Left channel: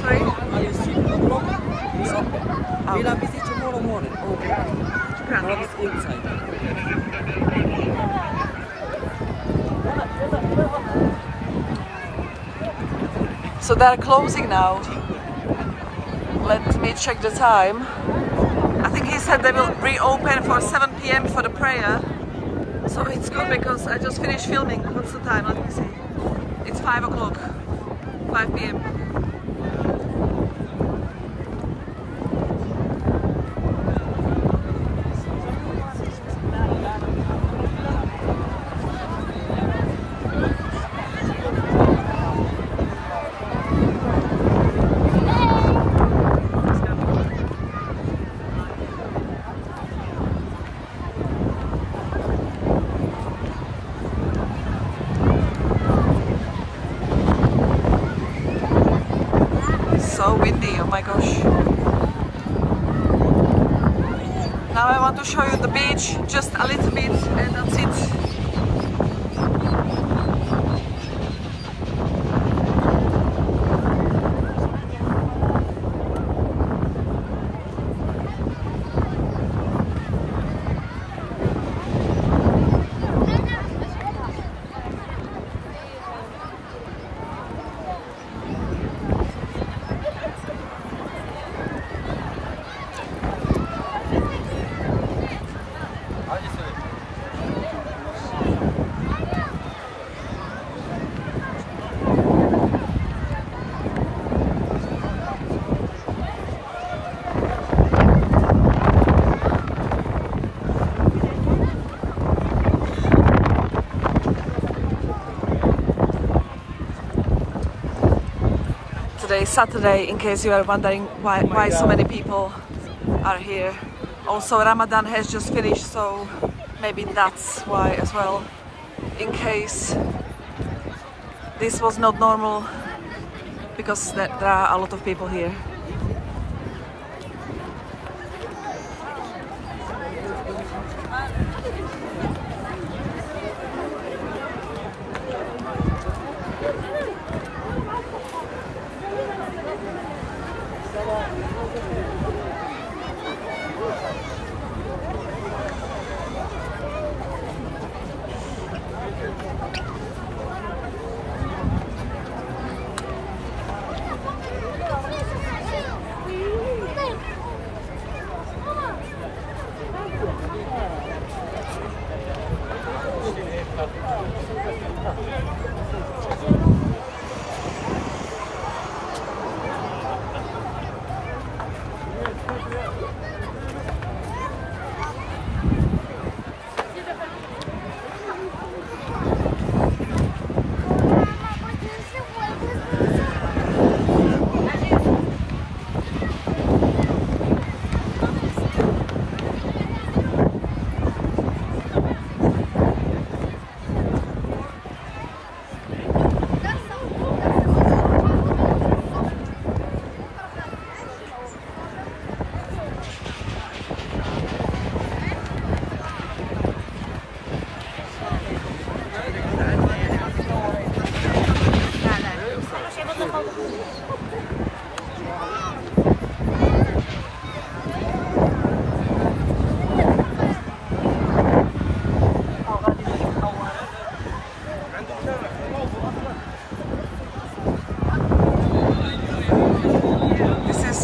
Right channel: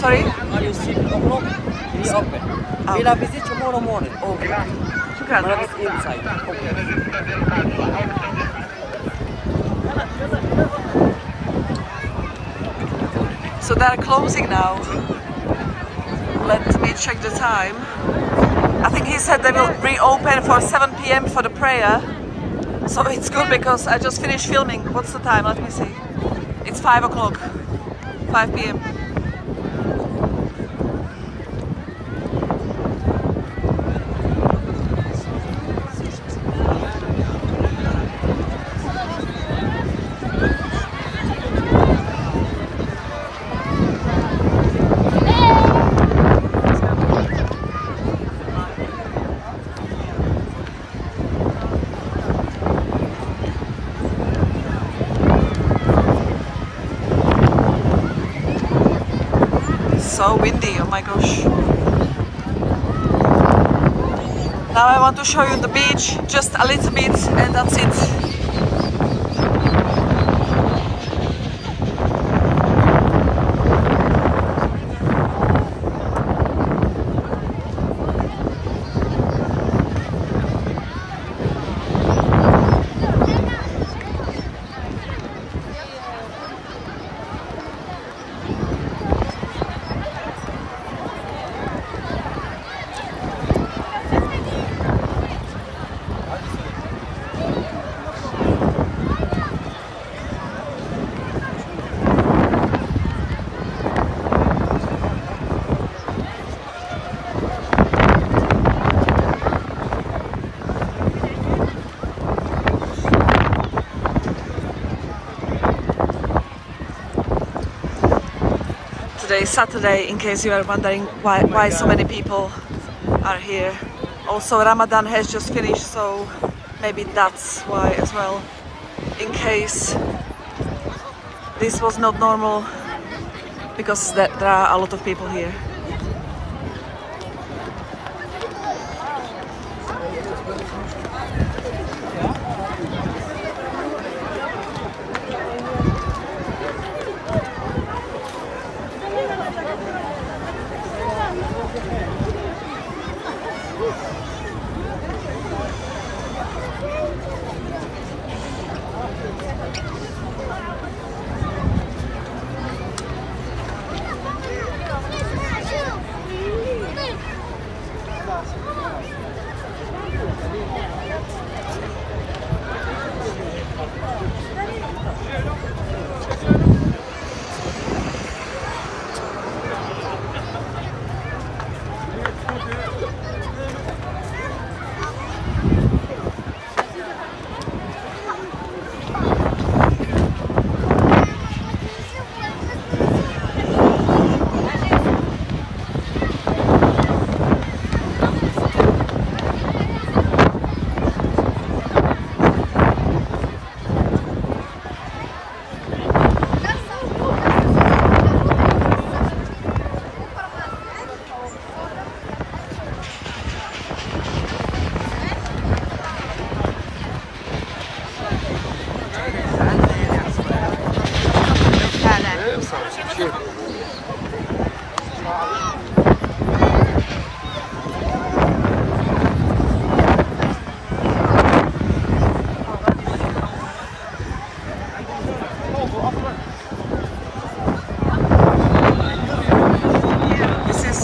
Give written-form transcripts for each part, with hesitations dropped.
Sorry? It's open. Ah, We'll visit tomorrow morning. okay. But it's inside. So they're closing now. Let me check the time. I think he said they will reopen for 7 p.m. for the prayer. So it's good because I just finished filming. What's the time? Let me see. It's 5 o'clock. 5 p.m. So windy, oh my gosh. Now I want to show you the beach, just a little bit, and that's it. Today is Saturday, in case you are wondering why so many people are here. Also Ramadan has just finished, so maybe that's why as well. In case this was not normal, because there are a lot of people here.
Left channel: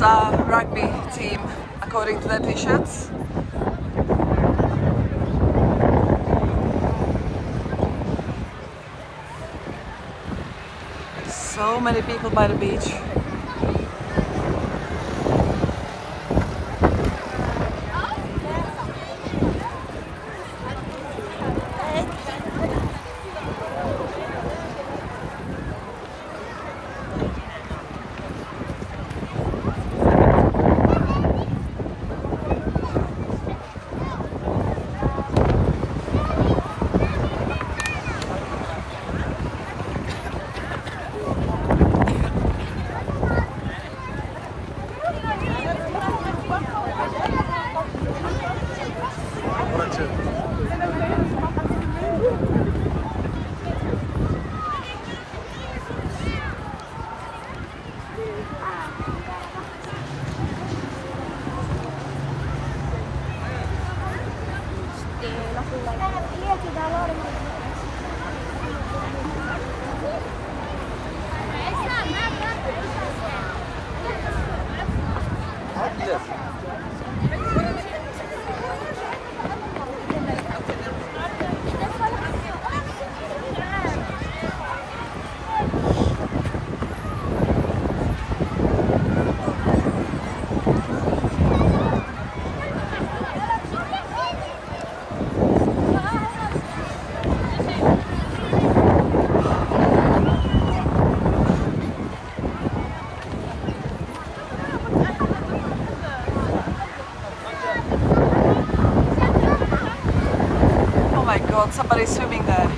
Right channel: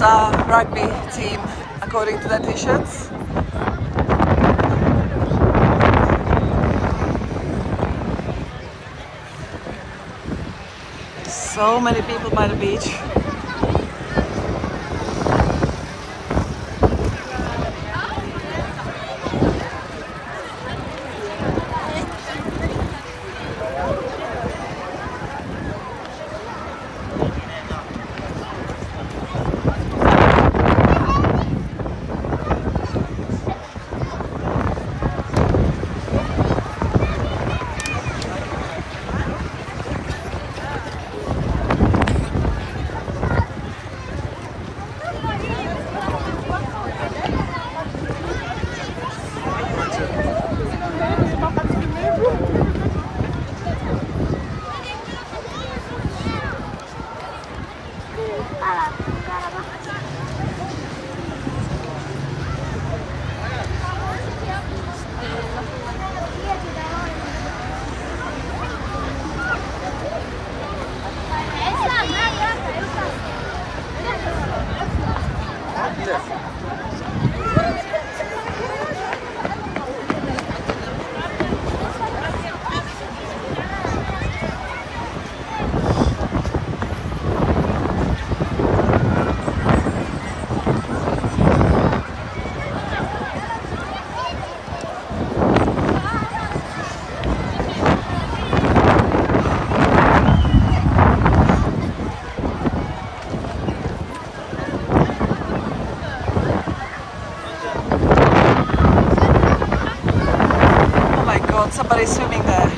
a rugby team according to their t-shirts. So many people by the beach. God, somebody's swimming there.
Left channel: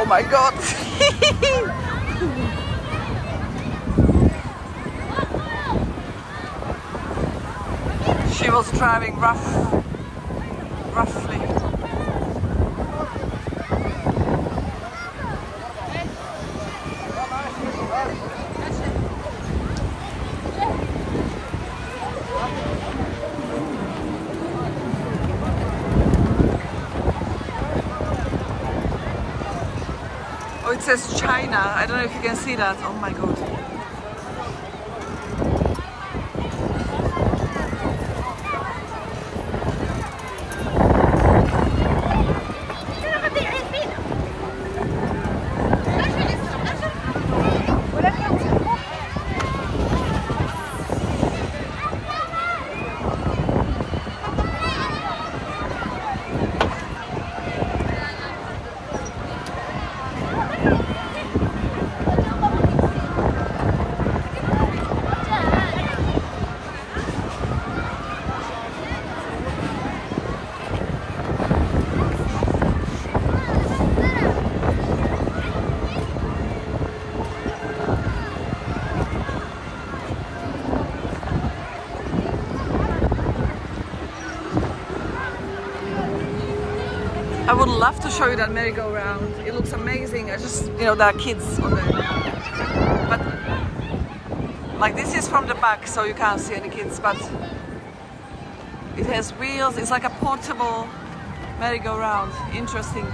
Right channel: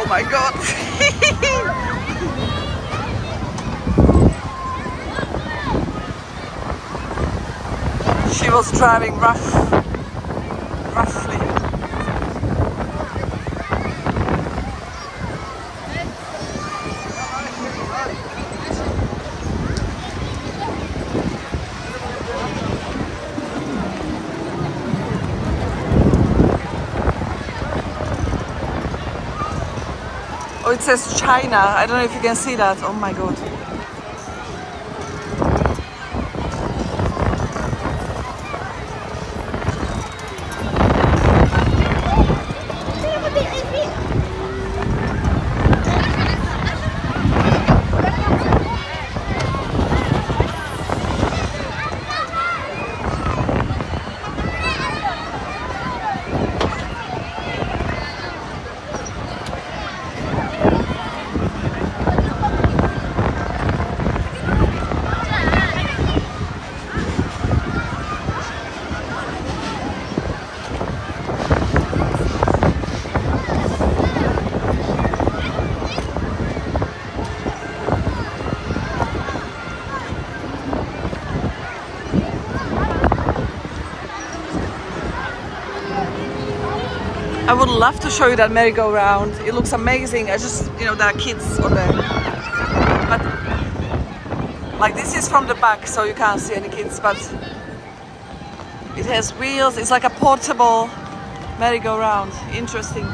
Oh my God! She was driving roughly. Oh, it says China. I don't know if you can see that. Oh my God. I would love to show you that merry-go-round. It looks amazing. I just, you know, there are kids on there. But like this is from the back, so you can't see any kids, but it has wheels. It's like a portable merry-go-round. Interesting.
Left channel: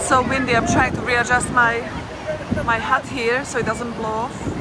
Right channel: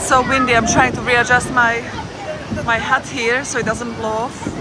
So windy. I'm trying to readjust my hat here so it doesn't blow off.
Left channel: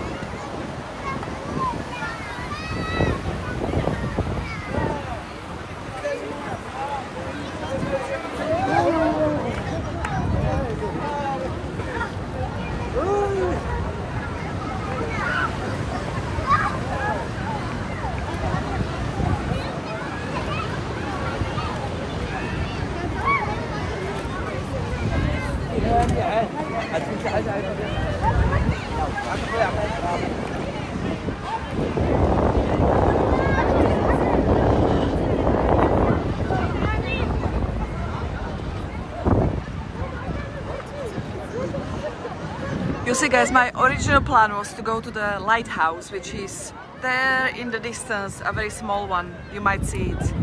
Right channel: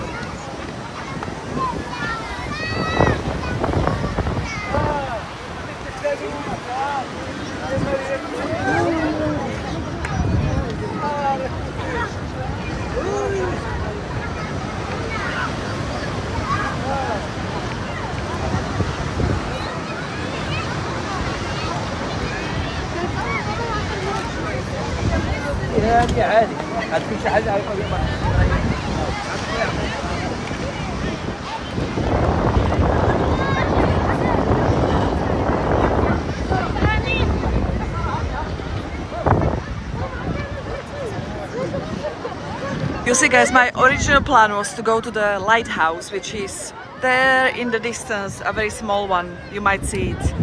You see guys, my original plan was to go to the lighthouse, which is there in the distance, a very small one, you might see it.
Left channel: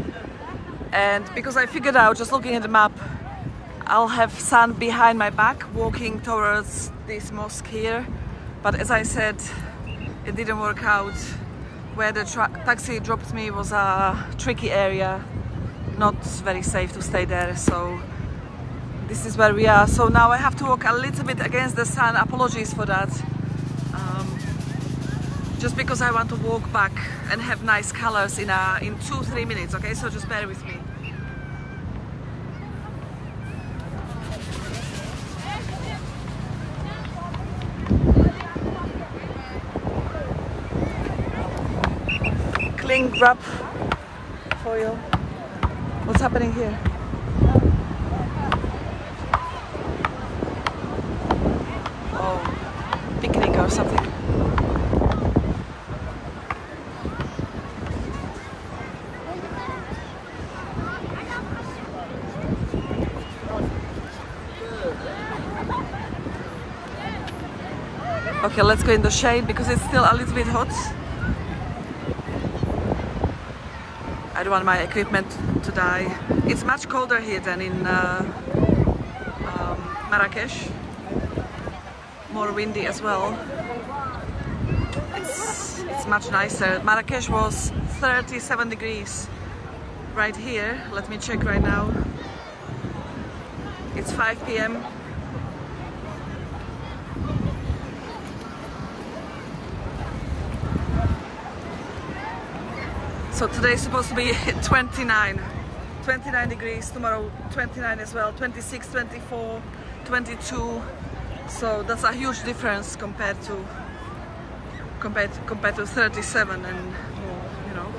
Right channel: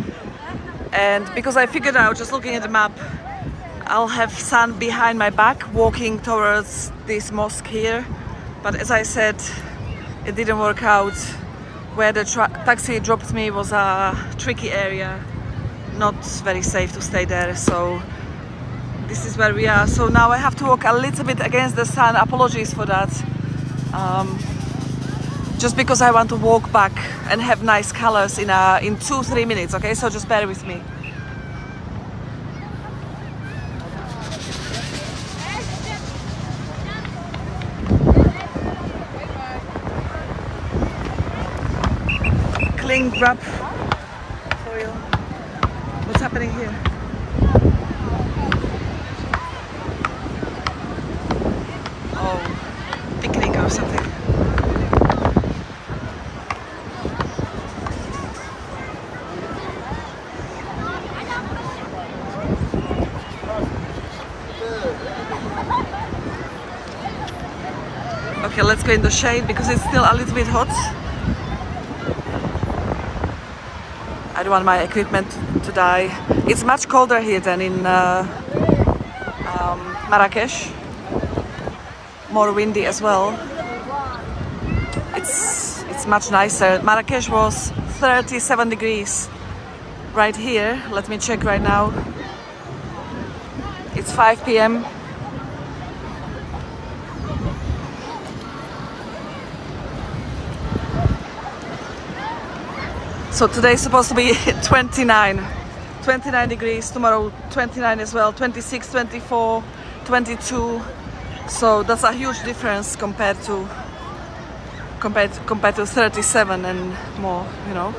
And because I figured out, just looking at the map, I'll have sun behind my back walking towards this mosque here. But as I said, it didn't work out. Where the taxi dropped me was a tricky area, not very safe to stay there, so this is where we are. So now I have to walk a little bit against the sun. Apologies for that. Just because I want to walk back and have nice colors in 2-3 minutes, okay? So just bear with me. Cling wrap for you. What's happening here? Oh, picnic or something. Okay, let's go in the shade because it's still a little bit hot. I don't want my equipment to die. It's much colder here than in Marrakesh. More windy as well. It's much nicer. Marrakesh was 37 degrees. Right here, let me check right now. It's 5 p.m. So today is supposed to be 29 degrees, tomorrow 29 as well, 26, 24, 22. So that's a huge difference compared to 37 and more, you know.